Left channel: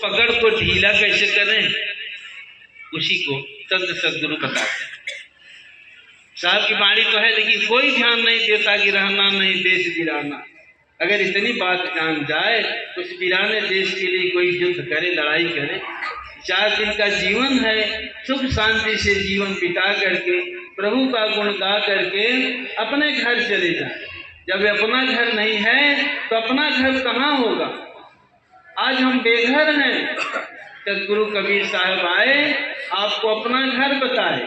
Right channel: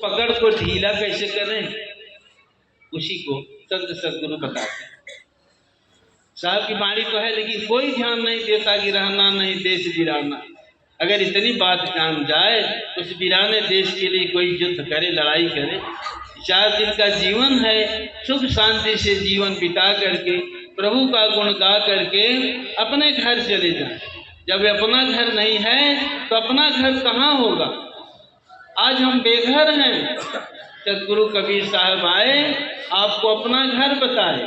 पकड़ को ढीला कैसे करें, उसी को संत सदगुरु बताते हैं। साहब की वाणी तो है, लेकिन कोई ध्यान नहीं देता कि रहना नहीं देश वीराना। अगर इतनी बात जान जाए तो उस वीराने देश के लिए कोई युद्ध करे, लड़ाई करे। 4 दिन का जीवन है, सुख शांति से जीवन बिता करके प्रभु का गुण गा करके अपने घर चले जाए। जब अपना घर नहीं है तो अपना घर कहाँ होगा। आज हम बेघर हैं, सदगुरु कबीर साहब आए, आपको अपना घर बताए।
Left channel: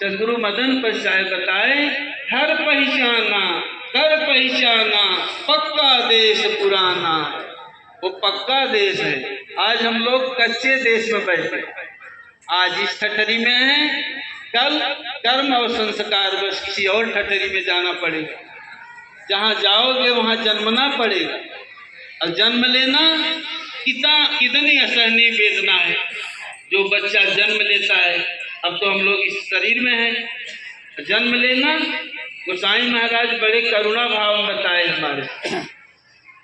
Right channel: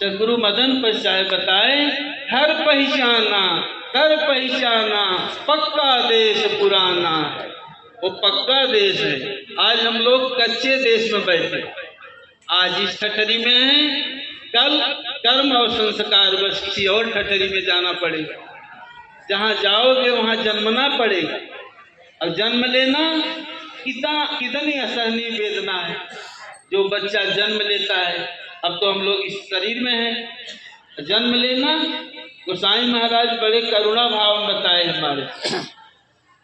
सदगुरु मदन पद साहब बताए, घर पहचाना कर पहचाना पक्का देश पुराना। वो पक्का देश है। आज हम लोग कच्चे देश में बैठे, आज इस ठठरी में हैं, कल कर्म और संस्कार बस किसी और ठठरी में जाना पड़ेगा। जहाँ जाओगे वहाँ जन्मना पड़ेगा, और जन्म लेना कितनी असहनीय वेदना है। जो बच्चा जन्म लेता है, अब तो हम लोग इस शरीर में हैं, जन्म लेना गोसाई महाराज बड़े करुणा भाव में बताए हमारे।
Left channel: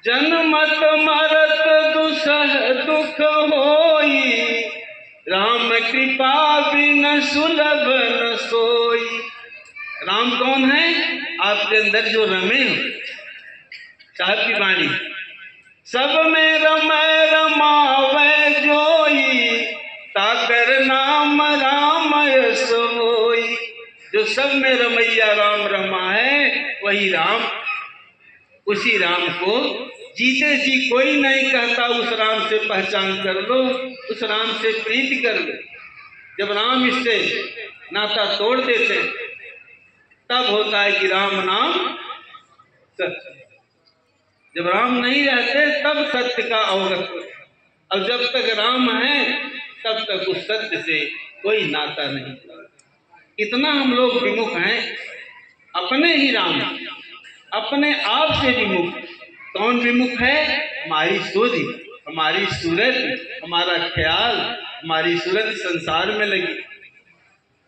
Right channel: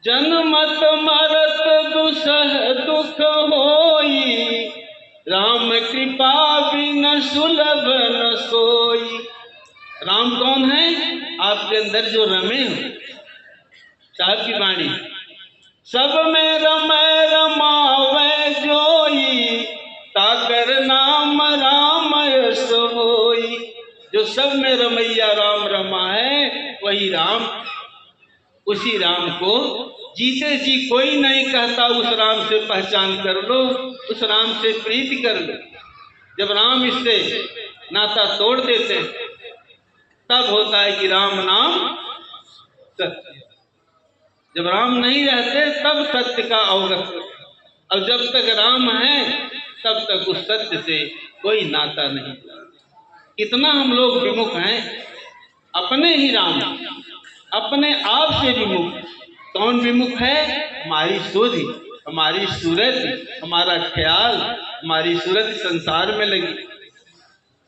जन्मत मरत दुसह दुख होई, राम कृपा बिन सुलभ न सोई। राम कौन है? आपके अंदर जो रमे हो। साहब की वाणी, सब में रमै रमावे जोई, ताकर नाम राम यस होई। जो सब में रमैया राम रमा है वही राम। उसी राम को जीते जी कोई नहीं कहता उस राम से पहचान कर लो, उस राम से प्रीति कर लो। जब राम इससे नाता तोड़ देते तब होता है कि राम नाम सत्य। जब राम नहीं रहते तब सत्य का अवगत। और जब तक राम है तब तक उस सत्य से कोई नाता नहीं। इतना हम लोग विमुख हैं, अपने ही राम, अपने आप से विमुख। कौन विमुख है? हमारी सुधि, हमारी सूरत, हमारा ख्याल, हमारी सूरत संसार में लगी।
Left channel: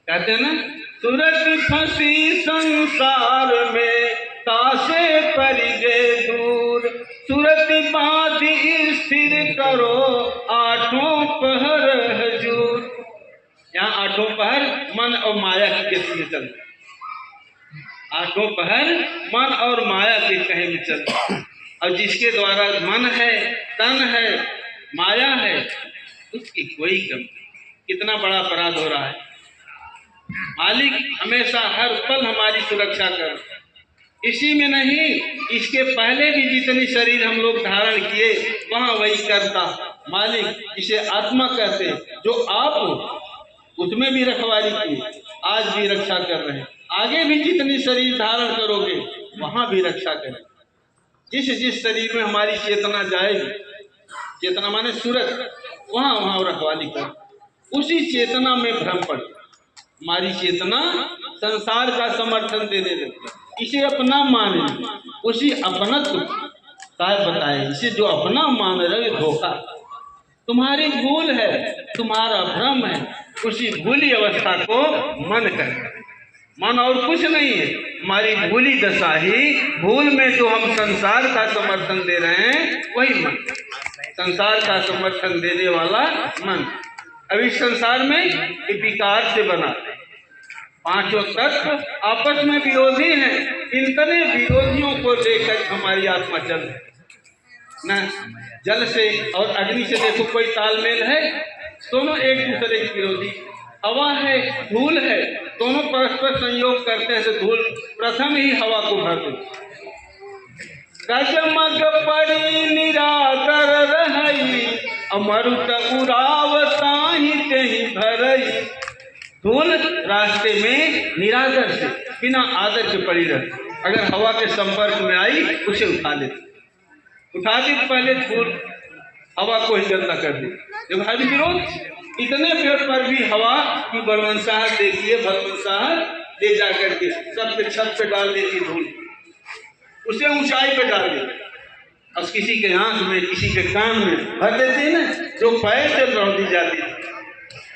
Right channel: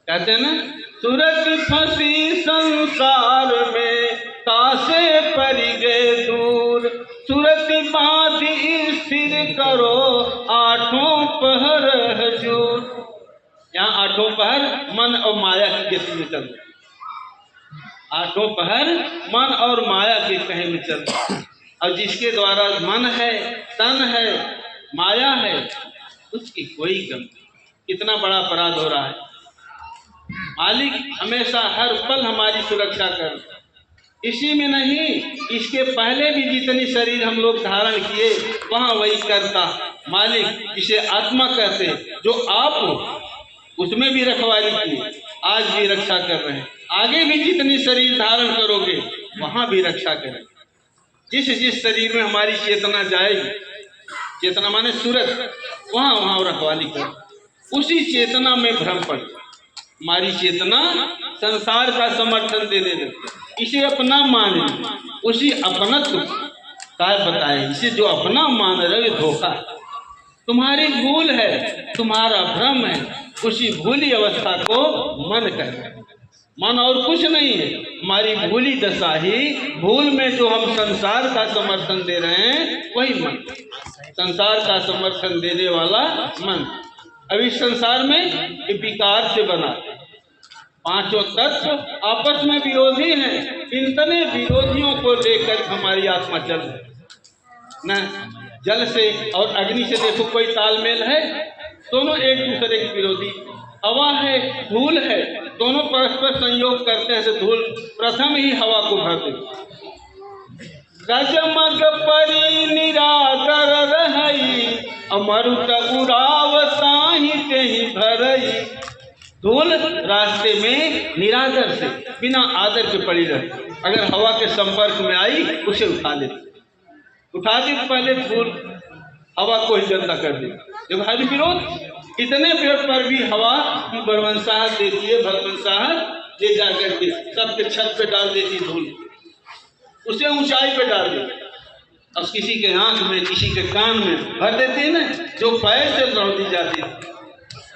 कहते हैं ना, सूरत फंसी संसार में तासे पर गए दूर, सूरत बांधी स्थिर करो आठों पहर हजूर। यहाँ आठों पहर मन और माया की गति में चल रहे, आठों पहर मन और माया के कहे में चल रहे। और जिसके द्वारा मन है, तन है, माया है, उसकी कोई कमी। कितना बड़ा अपराध हो रहा है। मालिक हमेशा हर पल हमारी सुरक्षा कर, इसी में नहीं, इसके पहले भी जितनी शरीर हम लोग धारण किए वहाँ वही करता। मालिक जिसे आत्मा कहते, जो आप हो, उसमें भी रखवाली की, आज भी रक्षा कर रहे हैं। आगे भी जितनी शरीर धारण करोगे वहाँ भी रक्षा करें। जिस जिस शरीर में हमारी चेतना जाएगी, चेतना माने सूरत, वहाँ वहाँ रखवाली कर। उसी चेतना में भ्रम पड़, हमारी चेतना संसार का समर्थन देने लगती, इसे अपना माने, उसी अपनत्व साहब बताए। इसे जो अपना मान रहे धोखा, तुम्हारी भूल है, तुम्हारा भ्रम है। उसी भूली अवस्था को मन कर, मन और कुछ नहीं है, हमारी भूली दशा ही। भूल में जो हम संसार का समर्थन दे रहे हैं वही मन, संसार का समर्थन देने वाला मन। अब इस संसार में विकार से बना, पांचों तत्व आपस में विरोधी हैं। इतने विरोधियों को लेकर हमारी आत्मा चल रही न। जल से और अग्नि से देखो कोई तालमेल है? दोनों एक दूसरे के विरोधी। हवा है, धूल है, दोनों परस्पर संयोग करते हैं तो धूल प्रथम ही हवा को भरते। गजमग परी निरादर रही, अमरुत उड़ावता ही तेहि भरई। धूल रास्ते में निरादर से, बिना आदर के पड़ी रहती। अगर हवा के संपर्क में आई उसे उठा लेती, उठा दी तो पहले धूल हवा को ही गंदा कर दी। जब हर विरोध, इतने पेड़ पर भी हवा की बड़वंशाहट देती है, भगवंशाहट ले जाकर के सब पे छत पे डाल देती धूल, उसे ऊंचाई पे डाल देती। अब किसी के आंख में, किसी के कान में भर देती है ना, जो पैर से लौट दी जाती है।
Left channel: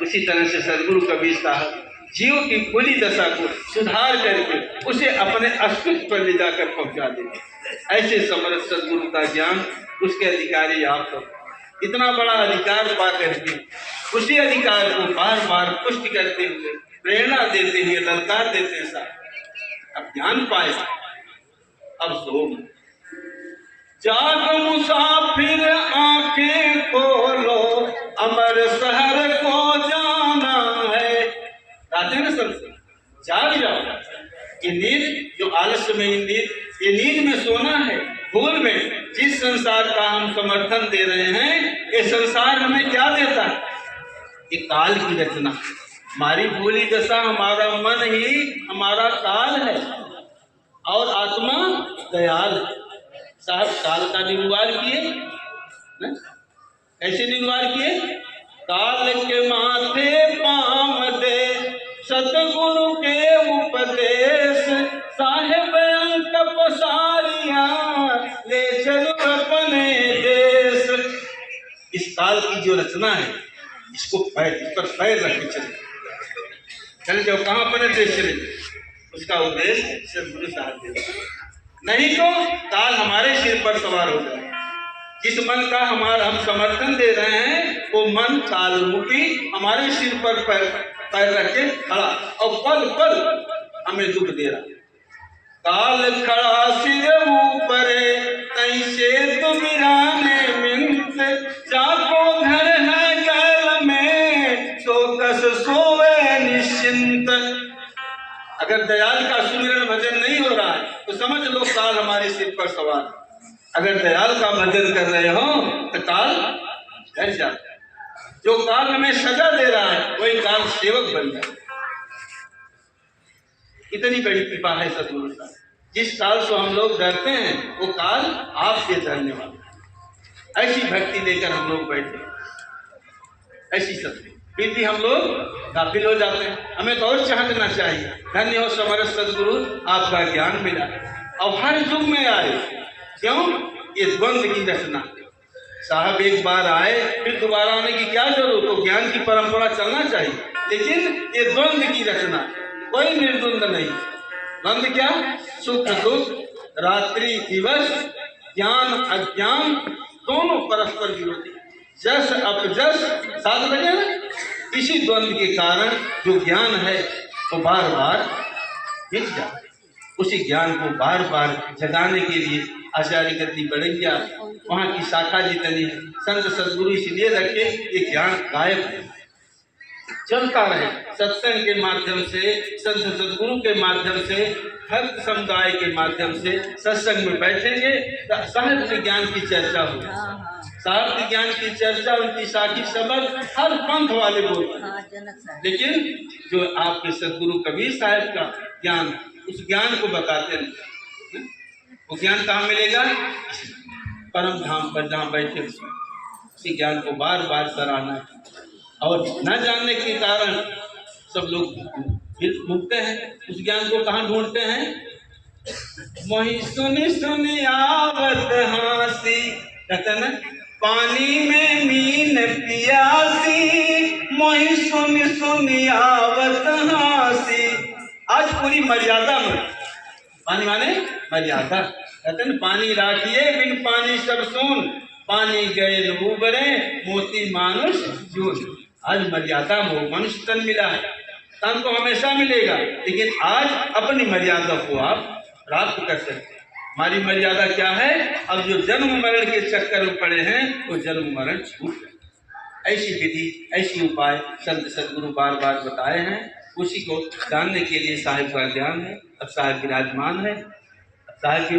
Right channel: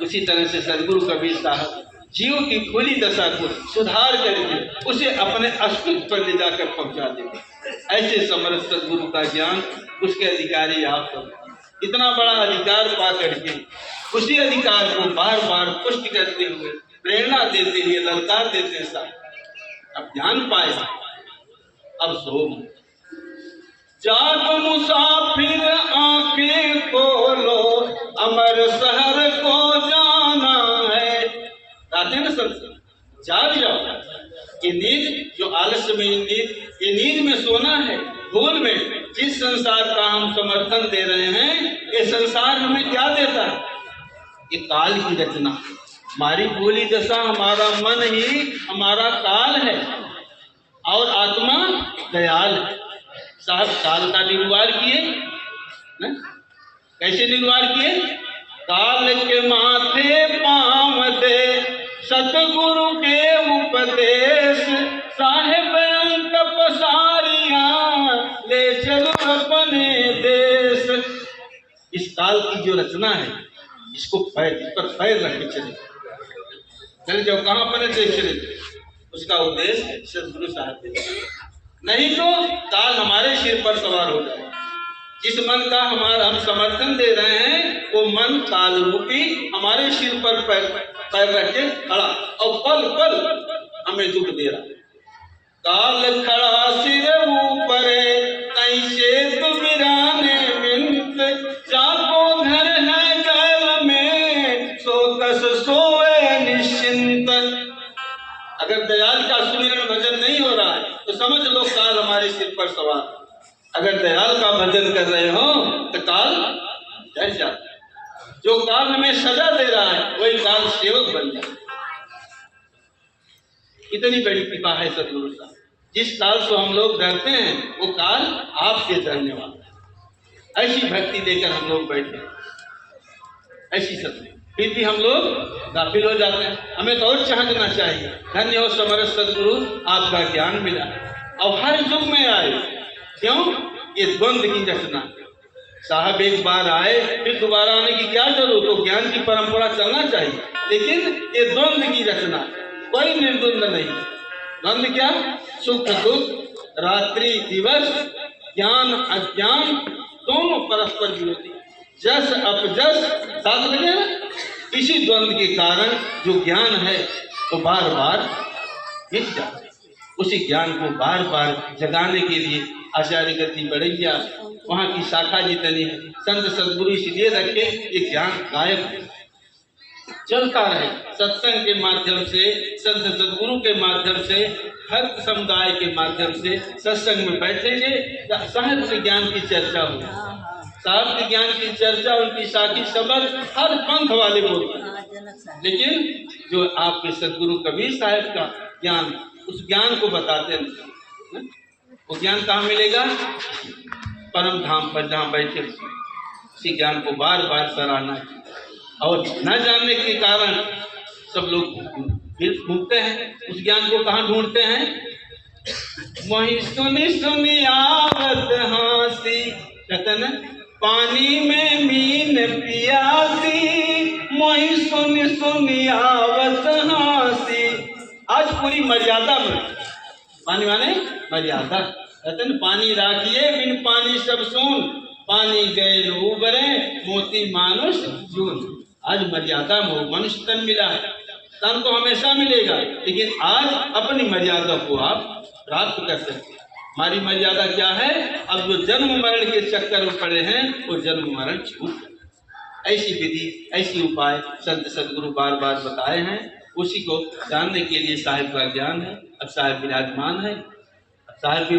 उसी तरह से सदगुरु कबीर साहब जीव की खुली दशा को सुधार करके उसे अपने अस्तित्व पर ले जाकर पहुंचा देते। ऐसे समर्थ सदगुरु का ज्ञान, उसके अधिकारी आप सब। इतना बड़ा अधिकार पा करके उसी अधिकार को बार बार पुष्टि करते हुए, प्रेरणा देते हुए, ललकार देते साहब अब ज्ञान पाए, अब सो जाग मुसाफिर आंखें खोलो, अमर शहर को जाना है। कहते हैं ना सब, जाग जाओ। ये नींद जो आलस्य में नींद, ये नींद में सोना है, भूल में। जिस संसार का हम समर्थन दे रहे हैं, ये संसार हमें क्या देता है? ये काल की रचना। हमारी भूली दशा, हमारा मन ही हमारा काल है और आत्मा दयाल है। साहब काल का निर्वाह किए न? कैसे निर्वाह किए? काल के माथे पाम दे सतगुरु के उपदेश, साहेब अंत पसारियां ले चलो अपने देश। इस काल की जो रचना है, इसको पैर, इस पर पैर रख के चले जाओ। कहाँ पर चले? उसका उद्देश्य सदगुरु साहब देते। नहीं तो काल हमारे सिर पर सवार हो जाए। जिस मन का हम समर्थन दे रहे हैं, वो मन काल रूपी हमारे सिर पर पैर रख के खड़ा और पल पल हमें दुख दे रहा। काल खड़ा सिर ऊपर कैसे तुम वीराने मिंत, जाको घर है कैल में सो कस सोवे निश्चिंत। अगर दयाल का सुमिरन भजन नहीं हो रहा है तो समझ लो काल हमारे सिर पर सवार। अगर दयाल का भजन कर रहे हो तो काल डर जाता है। जो काल हमें सजा दे रहा है, वही काल सेवक बन जाए। इतनी बड़ी कृपा है सदगुरु साहब। जिस काल से हम लोग डरते हैं, वो काल आपसे डरने वाला है। ऐसी भक्ति लेकर हम लोग बैठे, ऐसी सत्य, फिर भी हम लोग गाफिल हो जाते हैं। हमें तो और चाहना चाहिए। धन्य हो समर्थ सदगुरु, आपका ज्ञान मिला और हर युग में आए। क्यों? ये द्वंद्व की रचना। साहब एक बार आए, फिर दोबारा आने की क्या जरूरत? तो ज्ञान की परंपरा चलना चाहिए, लेकिन ये द्वंद्व की रचना, कोई निर्द्वंद नहीं। द्वंद्व क्या? सुख दुख, रात्रि दिवस, ज्ञान अज्ञान, दोनों परस्पर विरोधी, जस अपजस साथ लगे। इसी द्वंद्व के कारण जो ज्ञान है तो बार बार मिट जाता है। उसी ज्ञान को बार बार जगाने के लिए आचार्य गति बढ़ेंगे। वहाँ की शाखा जितनी है, संत सदगुरु इसलिए रखे, ये ज्ञान गायब चलता रहे। सत्संग के माध्यम से, संत सदगुरु के माध्यम से, हर समुदाय के माध्यम से सत्संग में बैठेंगे, साहब के ज्ञान की चर्चा होगी। साहब के ज्ञान की चर्चा, उनकी साखी शब्द हर पंथ वाले बोलते हैं, लेकिन जो आपके सदगुरु कबीर साहब का ज्ञान, उस ज्ञान को बताते नहीं। वो ज्ञान कहाँ मिलेगा? परम धाम पर जहाँ बैठे, उसी ज्ञान को बार बार सराहना है। और न जानने के कारण सब लोग फिर ढूंढते हैं, उस ज्ञान को कहाँ ढूंढते हैं? वही सुनी सुनी आवत हासी, कहते न पानी में मीन पियासी, वही सुनी सुनी आवत हासी। आज पूरी मर्यादा में, पानी माने मर्यादा। कहते न पानी राखिए बिन पानी सब सोन, पानी गए उबरे मोती मानुष जून। आज मर्यादा में मनुष्य तन मिला है, तन तो हमेशा मिलेगा, लेकिन आज अपनी मर्यादा को आप प्राप्त कर सकते हैं। हमारी मर्यादा क्या है? अब जो जन्म मरण के चक्कर में पड़े हैं, वो जन्म मरण छूट गए। ऐसी विधि, ऐसी उपाय संत सदगुरु बार बार बताए हैं। उसी को जानने के लिए साहिब का ज्ञान है। अब साहिब विराजमान है, अब साहिब भी